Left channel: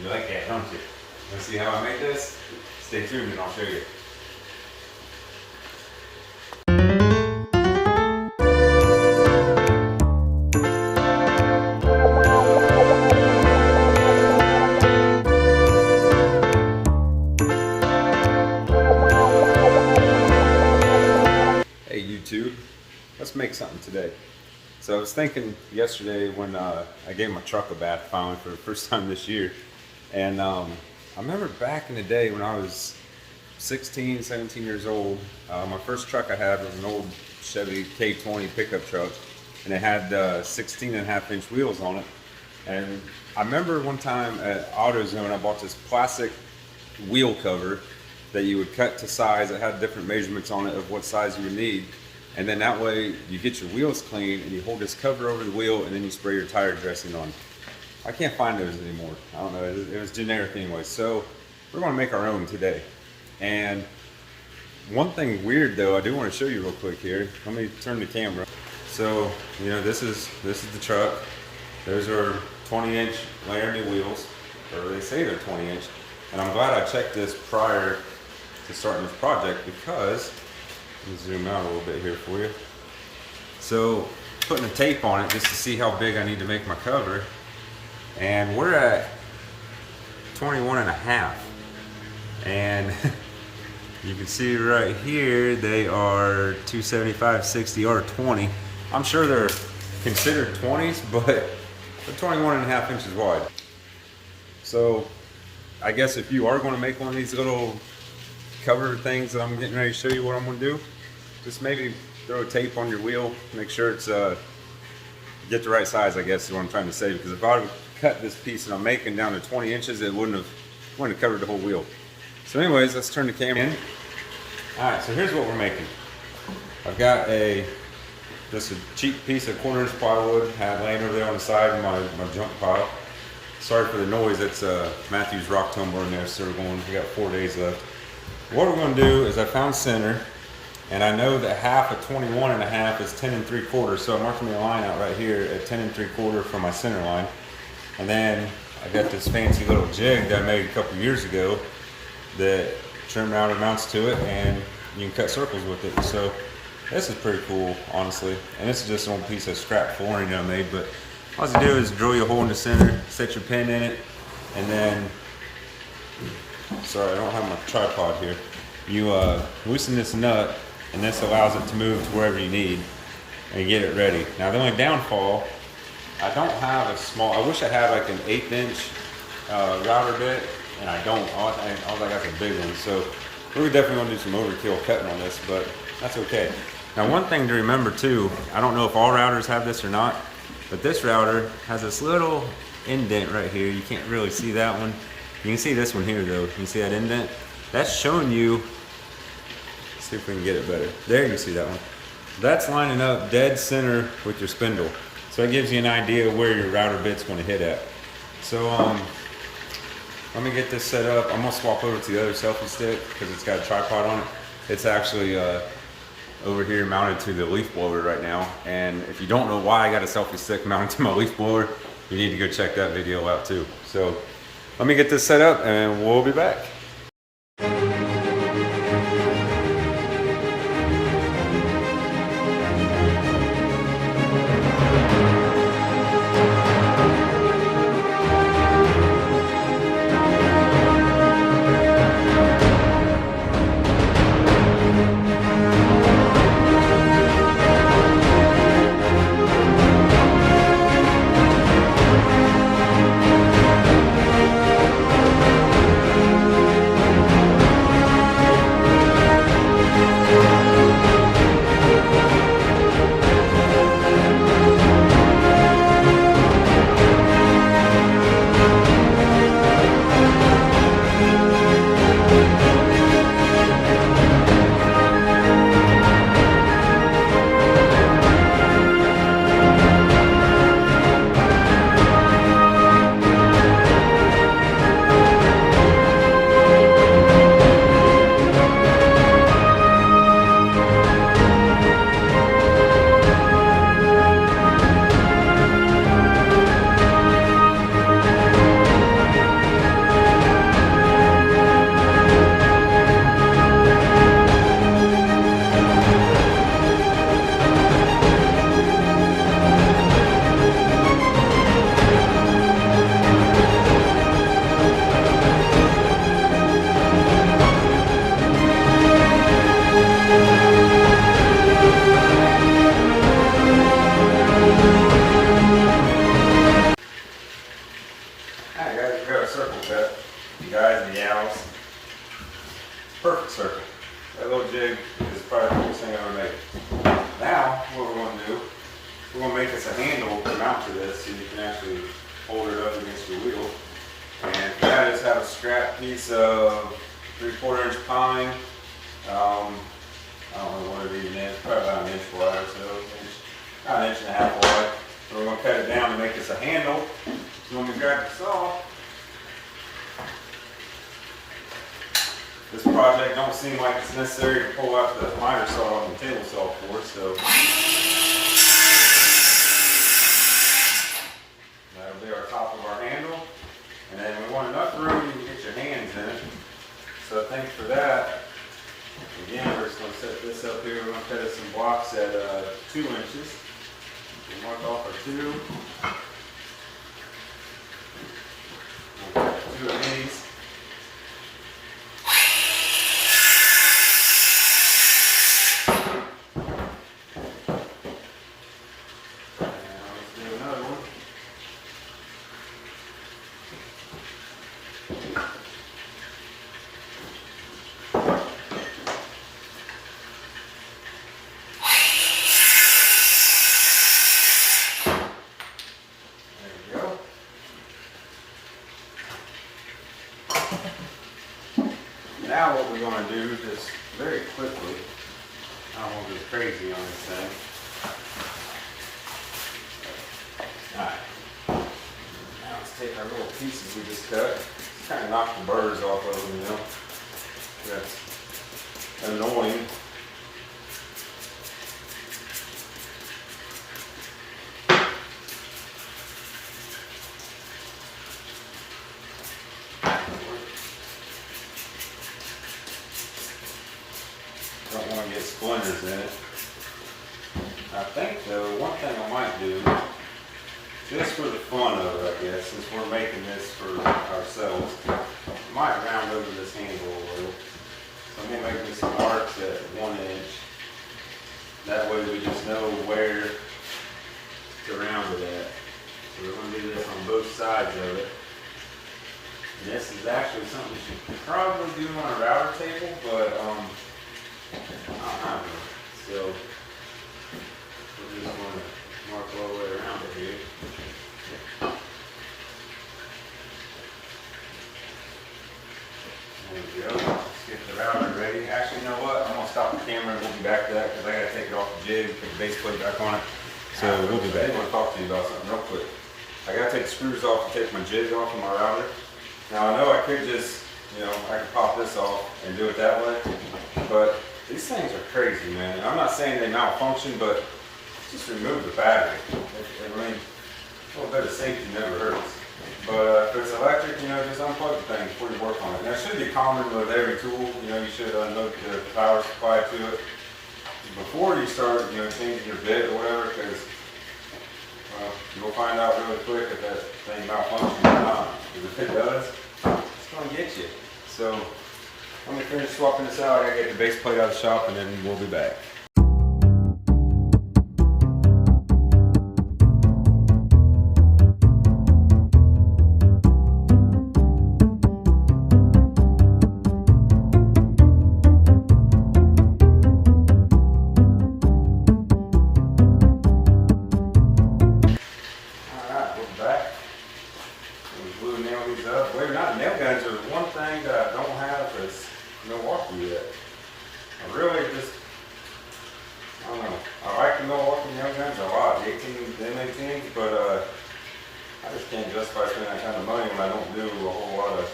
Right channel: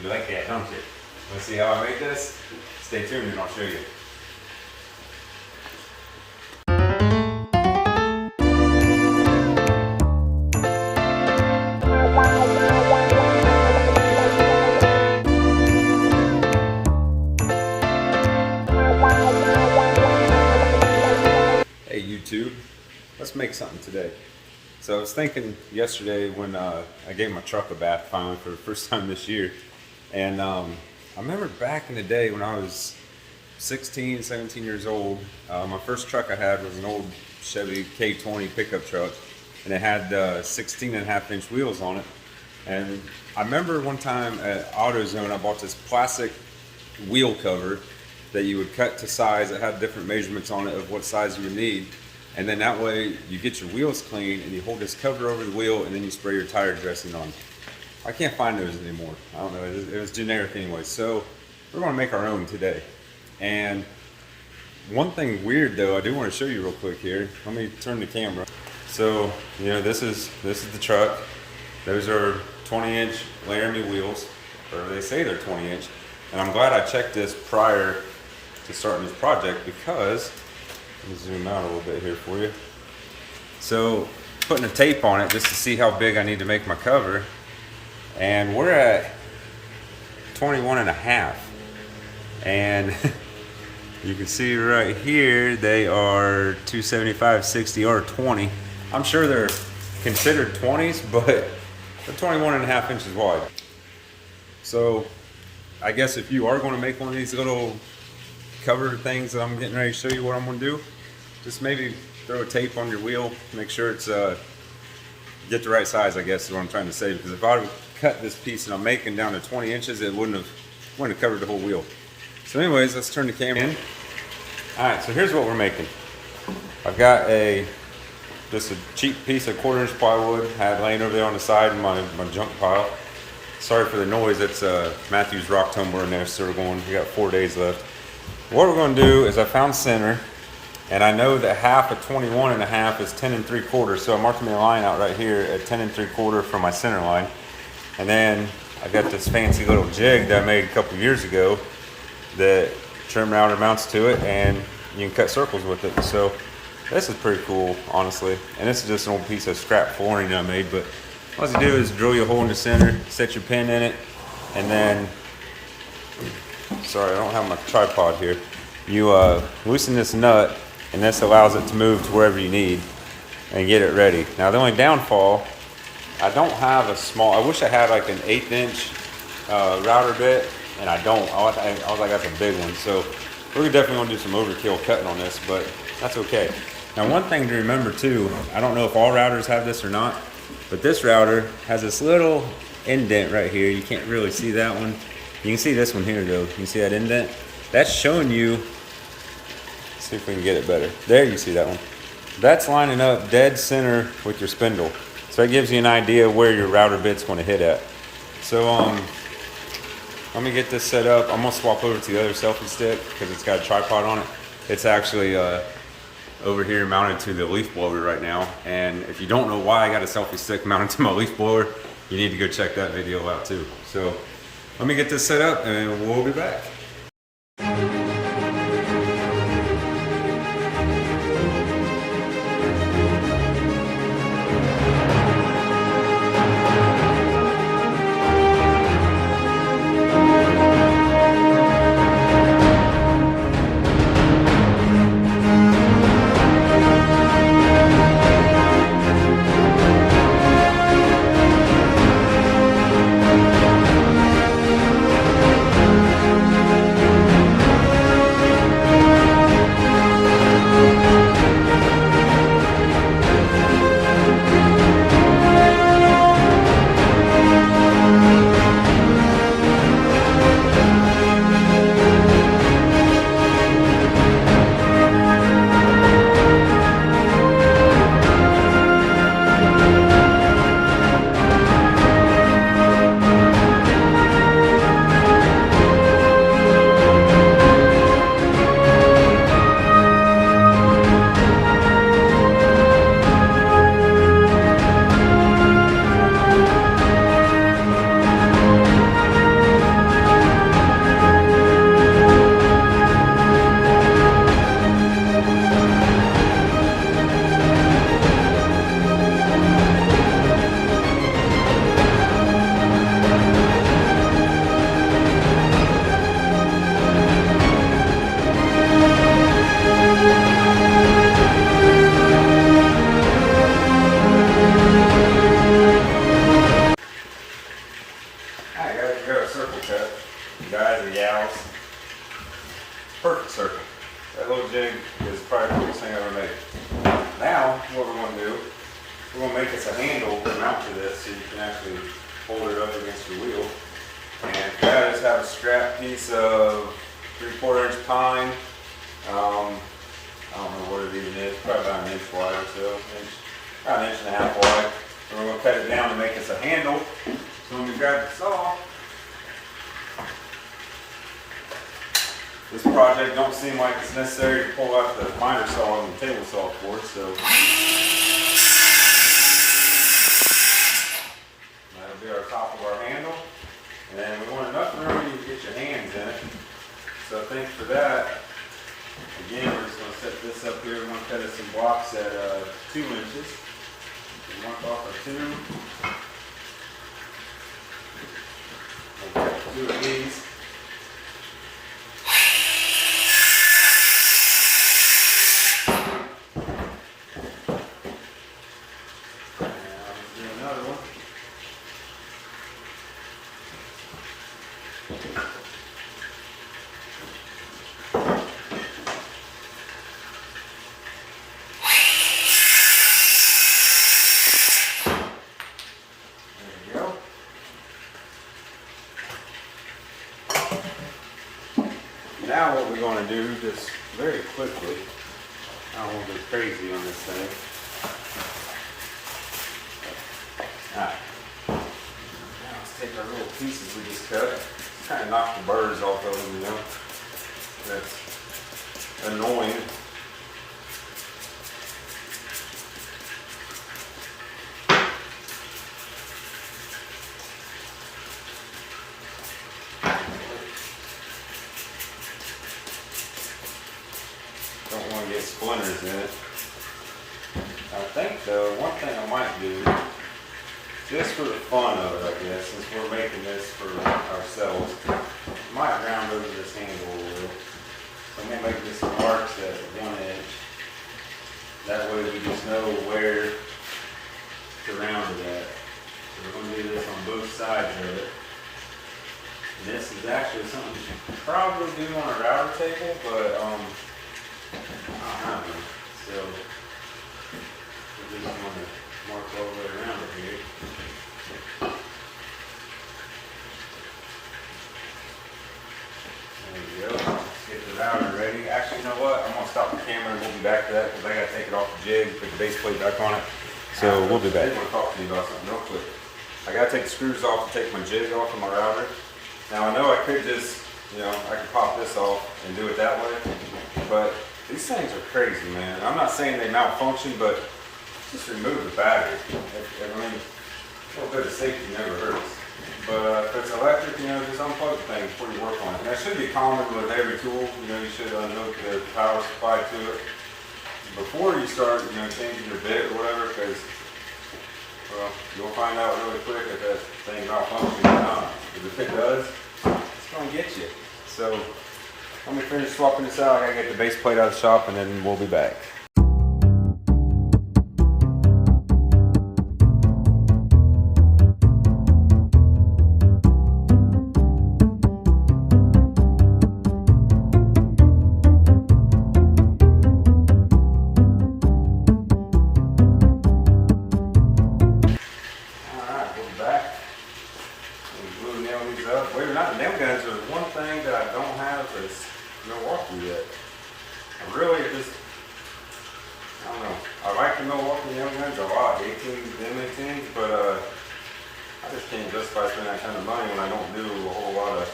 You like that, don't you? Want to see how I make this? Stay tuned and I'll show you. Hey YouTube, let's make something today. So I was thinking yesterday when I gave my truck a bath finally for the first time this year, and I remember back in the day when I was 16, 17 years old, my first truck I had was an old Chevy K20 pickup truck, and it had 16.5-inch wheels on it. And I remember one time at AutoZone I bought this plastic wheel cover that you would cut to size. It had different measurements on it of what size you would need. And then that way you get your wheels clean and you hold this cover over the wheel and then you spray your tire dressing on. I can't find those anymore. I don't know, it was generic anyway. So we're gonna make our own today. And one thing weird though, I do wanna show you real quick here. Let me turn the camera. So, you know, this is the truck. Those are 20-inch Laramie wheels, or they say they're 20-inch. And I'm glad I checked this prior to starting this project because, let me zoom out a little bit here for you. So putting a tape on it just to see how big I need to make my cover. And we're at 21.5. And you can see right here, they are 275, 60, or 20. I'm sure they're considered 20s, but they're 21.5 inches wide. So I guess if you are going to make one of these little cover things that I'm getting ready to show you what I'm going to do, just maybe throw a tape on your wheel, make sure it's get the right size, I guess is what I'm trying to say, because if I would cut this piece that I'm making down to 20 inches, it wouldn't have covered the whole wheel. So anyways, let's turn the camera in. Alright, so here's what we're making. I've got just a cheap piece of 1/4-inch plywood had laying over there on the side in my junk pile. Sorry for the noise, that's Matthew's rock tumbler in there, so we got 4 days left. What we're going to do is I found center, and I know that half of 21.5 is 10 3/4, so I'm marking me a line out right here at 10 3/4 for my center line. And then I got this fancy little jig that I made a couple years ago that trim router mounts to it, and you can cut circles with it. So this is pretty cool, honestly. And this is just an old piece of scrap flooring that I made, but all you do is drill your hole in the center, set your pin in it, and then, sorry, I don't have my tripod here. You loosen this nut, and this allows it to move to wherever you need and get it ready. Now the only downfall, I don't have a small, I wish I had like an 1/8-inch router bit, and I don't. I was like, that's a big one. So we're definitely gonna do some overkill cutting on this, but that's okay. Now one thing to remember too, I don't know if all routers have this or not, but this router has this little indent right here. You can't really see that one. You can see this one here though. You can see that indent? That's showing you, let's see if we can get it better. There, you see that one. That's lining up dead center with your spindle. So that gives you an idea where your router bit's gonna hit at. So let me get this set up. I'm gonna swap over to the other selfie stick because it's got a tripod on it. It's actually over here mounted to the leaf blower right now. And if you don't know why I got a selfie stick mounted to my leaf blower, you need to go check that video out too. So let me get this set up and we'll be back. mount to this so you can actually hold it up against your wheel. And for that, I just have a scrap piece of 3/4 inch pine. I don't know what it even is, probably about an inch wide or so, about an inch and a half wide. And we're going to cut it down to make us a handle. So when we grab the saw, this project don't seem like it's necessary to pull out the miter saw and the table saw for it, so that'll be our top of our handle. And then we want enough room you can get your hands in it. So I think for that, again, we're just going to set this up here. We're going to cut us some blocks at 2 inches. We mark off our 2. We'll cut 2 of these. Now what we're going to do, just very quickly, I don't want to go crazy on this thing. Alright, now let's take our little pieces we just cut, kind of knock the burrs off of them, you know. That's annoying. Don't want to get splinters in it. I think though, one thing I might do, just for the fun of it, I guess, since we're making this for ourselves, I might round over this handle a little. So I'm going to make me some marks at 1 inch. That way we just know where to round it at. So we're going to do this on both sides of it. And this is actually something you should probably do on a router table, but I don't have one, so we're just going to mark all the way around it here. There we go. Let's get the router ready. Actually, you know what? I'm going to stop the camera and we'll be back to that because I got to take it off the jig, put the base plate back on it. So we'll be back. I want to talk to you about something real quick. I got to take the screws off to take my jig off of my router. Now I know I could just, you know, I could pop this off and do it that way, but these things are crazy, man. And I'm not saying they malfunction, but just remove the battery. I mean, a little bit of safety never hurts. But if it's electric, you know, just unplug the thing before you work on it. Now, it should be common with every tool. You know, you should unhook the power supply to it before you start, you know, changing your bit or whatever, because you'll find out really quick if that thing malfunctions or not. Because if it does, it's going to get you. So let me finish swapping this out. I gotta get the base plate out of the shop and then we'll be back. Alright, we're back. We glue and nail these up. Believe it or not, the nail guns are one thing that I don't have is Milwaukee yet. I really just, I don't know. I like the Milwaukee nail guns a lot, the 18s, the M18s, but I just can't justify spending that kind of money when I don't do a whole lot of,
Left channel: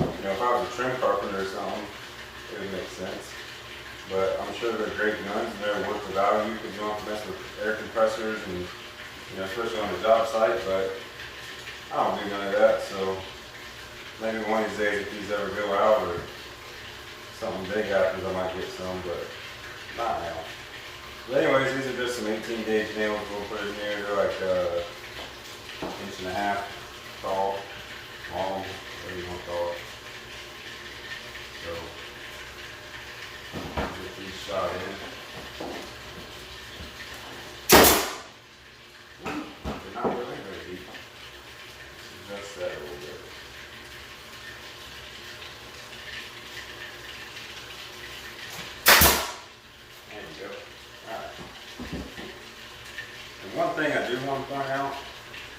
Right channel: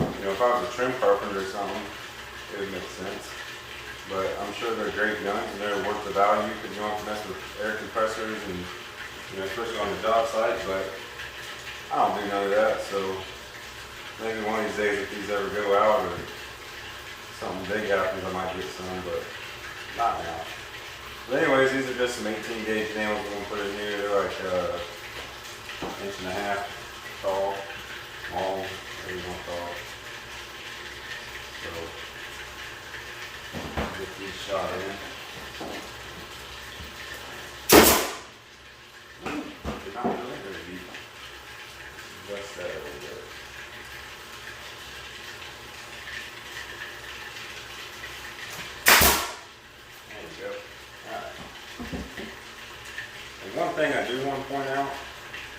you know, if I was a trim carpenter or something, it would make sense. But I'm sure they're great guns and they're worth the value because you don't have to mess with air compressors and, you know, especially on the job site, but I don't do none of that, so maybe one of these days if these ever go out or something big happens, I might get some, but not now. But anyways, these are just some 18 gauge nails we're going to put in here. They're like 1.5 inches tall, long, whatever you want to call it. So, get these shot in. They're not going in very deep. Adjust that a little bit. One thing I do want want to point out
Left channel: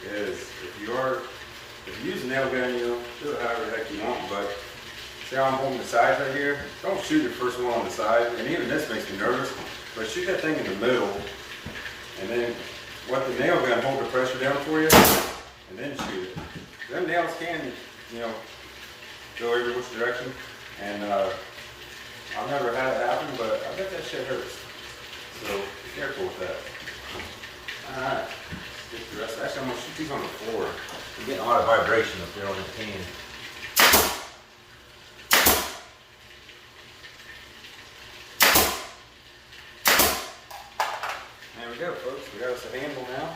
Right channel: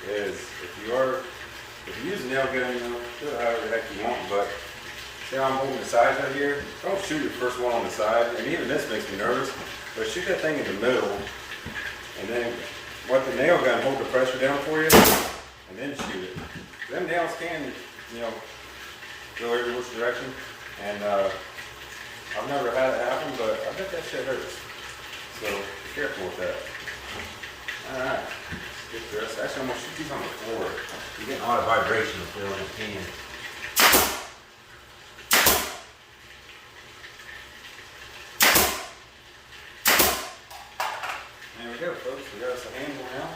is if you use a nail gun, you know, do it however the heck you want, but see how I'm holding the sides right here? Don't shoot your first one on the side, and even this makes me nervous, but shoot that thing in the middle, and then let the nail gun hold the pressure down for you, and then shoot it. Them nails can, you know, go every which direction, and I've never had it happen, but I bet that shit hurts. So be careful with that. Alright, let's get the rest. Actually, I'm going to shoot these on the floor. You're getting a lot of vibration up there on that can. There we go, folks. We got us a handle now.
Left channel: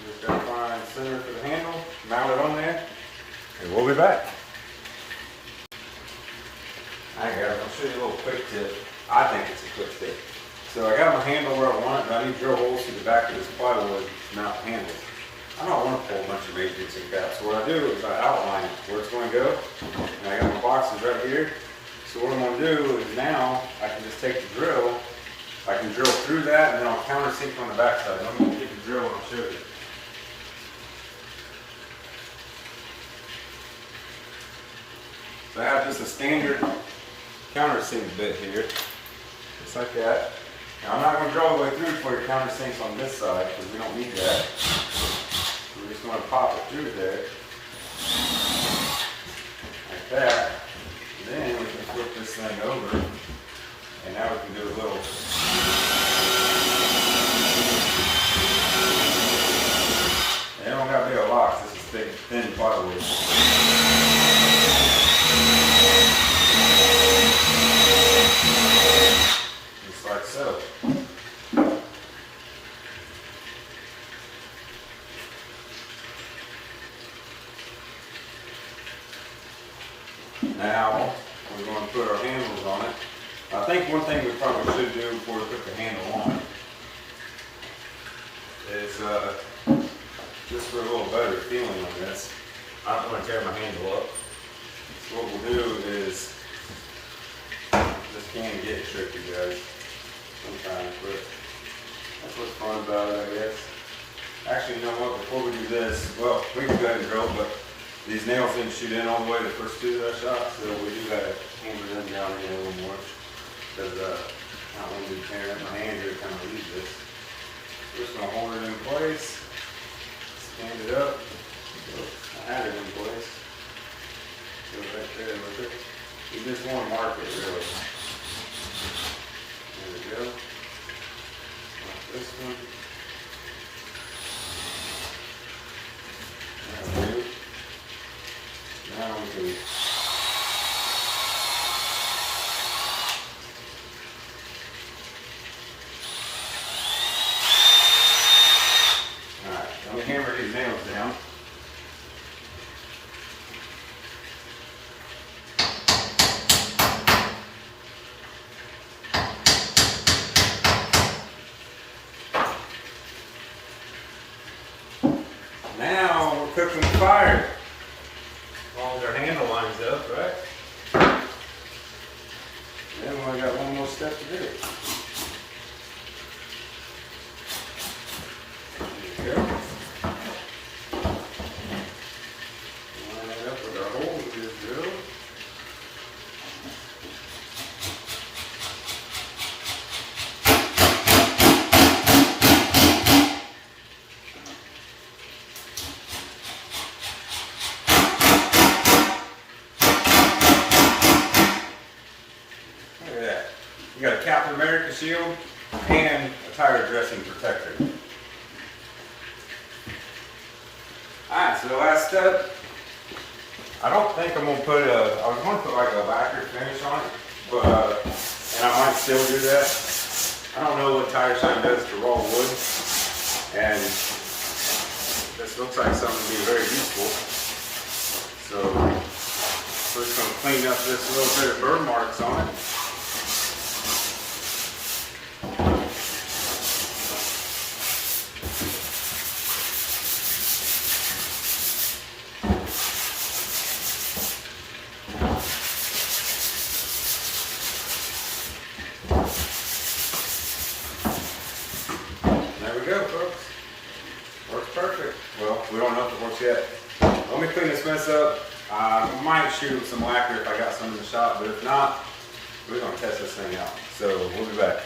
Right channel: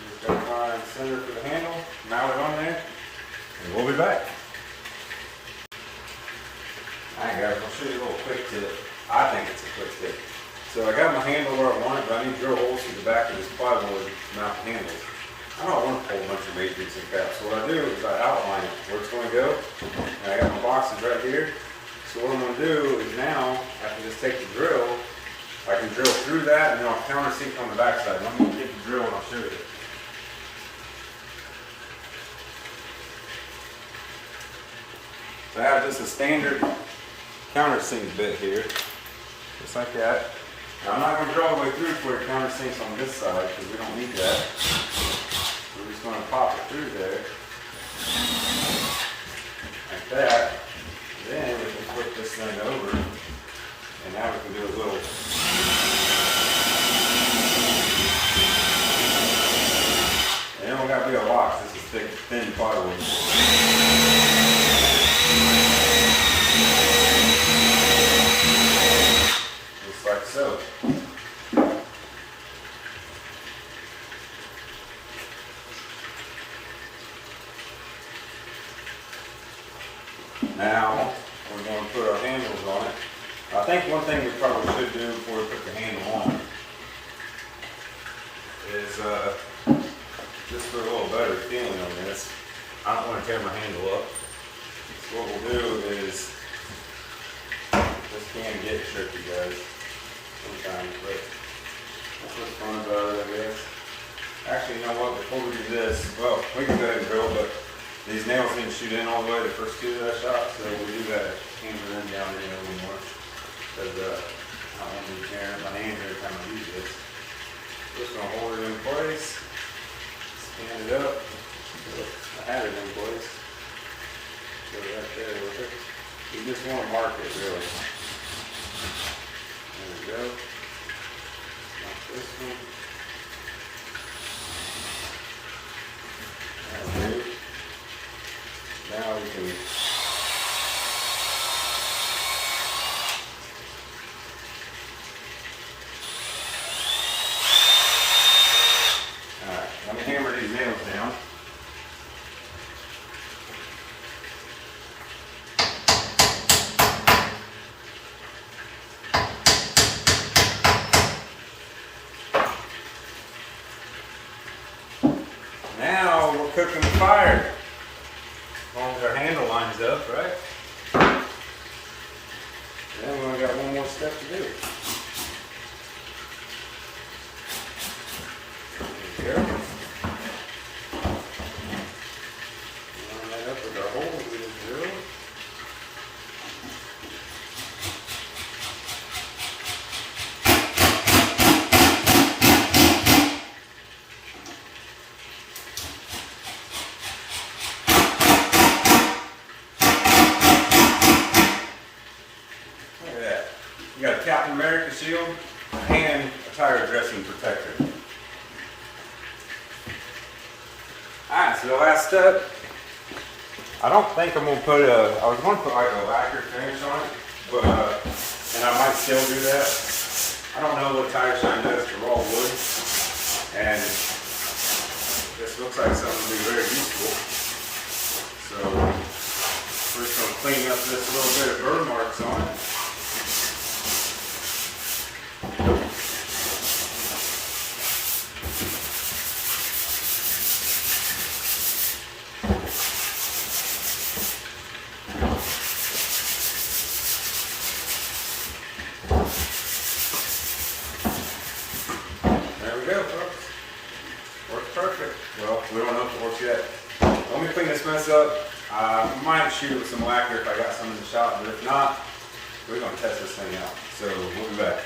We just got to find the center for the handle, mount it on there, and we'll be back. Alright guys, I'll show you a little quick tip. I think it's a quick tip. So I got my handle where I want it, but I need to drill holes through the back of this plywood to mount the handles. I don't want to pull a bunch of measurements and caps. So what I do is I outline it, where it's going to go. And I got my boxes right here. So what I'm going to do is now I can just take the drill, I can drill through that, and then I'll countersink on the back side. I'm going to get the drill and I'll show you. So I have just a standard countersink bit here, just like that. Now I'm not going to drill all the way through for your countersinks on this side because we don't need that. We're just going to pop it through there, like that. Then we can flip this thing over, and now we can do a little. And it don't got to be a lot. This is thick, thin plywood. Just like so. Now we're going to put our handles on it. I think one thing we probably should do before we put the handle on is just for a little better feeling on this. I don't want to tear my handle up. So what we'll do is, this can get tricky, guys, sometimes, but that's what's fun about it, I guess. Actually, you know what, before we do this, well, we can go ahead and drill, but these nails didn't shoot in all the way the first two that I shot, so we do got to hammer them down again a little more, because I don't want to be tearing up my hands every time I use this. We're just going to hold it in place, stand it up. I had it in place. Go right there with it. You just want to mark it, really. There we go. Mark this one. That'll do. Now we can. Alright, let me hammer these nails down. Now we're cooking with fire. As long as our handle lines up, right? Then we only got one more step to do. There we go. Line that up with our holes we just drilled. You got a Captain America shield and a tire dressing protector. Alright, so the last step, I don't think I'm going to put I was going to put like a lacquer finish on it, but, and I might still do that. I don't know what Tire Shine does to raw wood, and this looks like something to be very useful. So, we're just going to clean up this little bit of burn marks on it. There we go, folks. Well, we don't know if it works yet. Let me clean this mess up. I might shoot it with some lacquer if I got some in the shop, but if not, we're going to test this thing out. So we'll be back.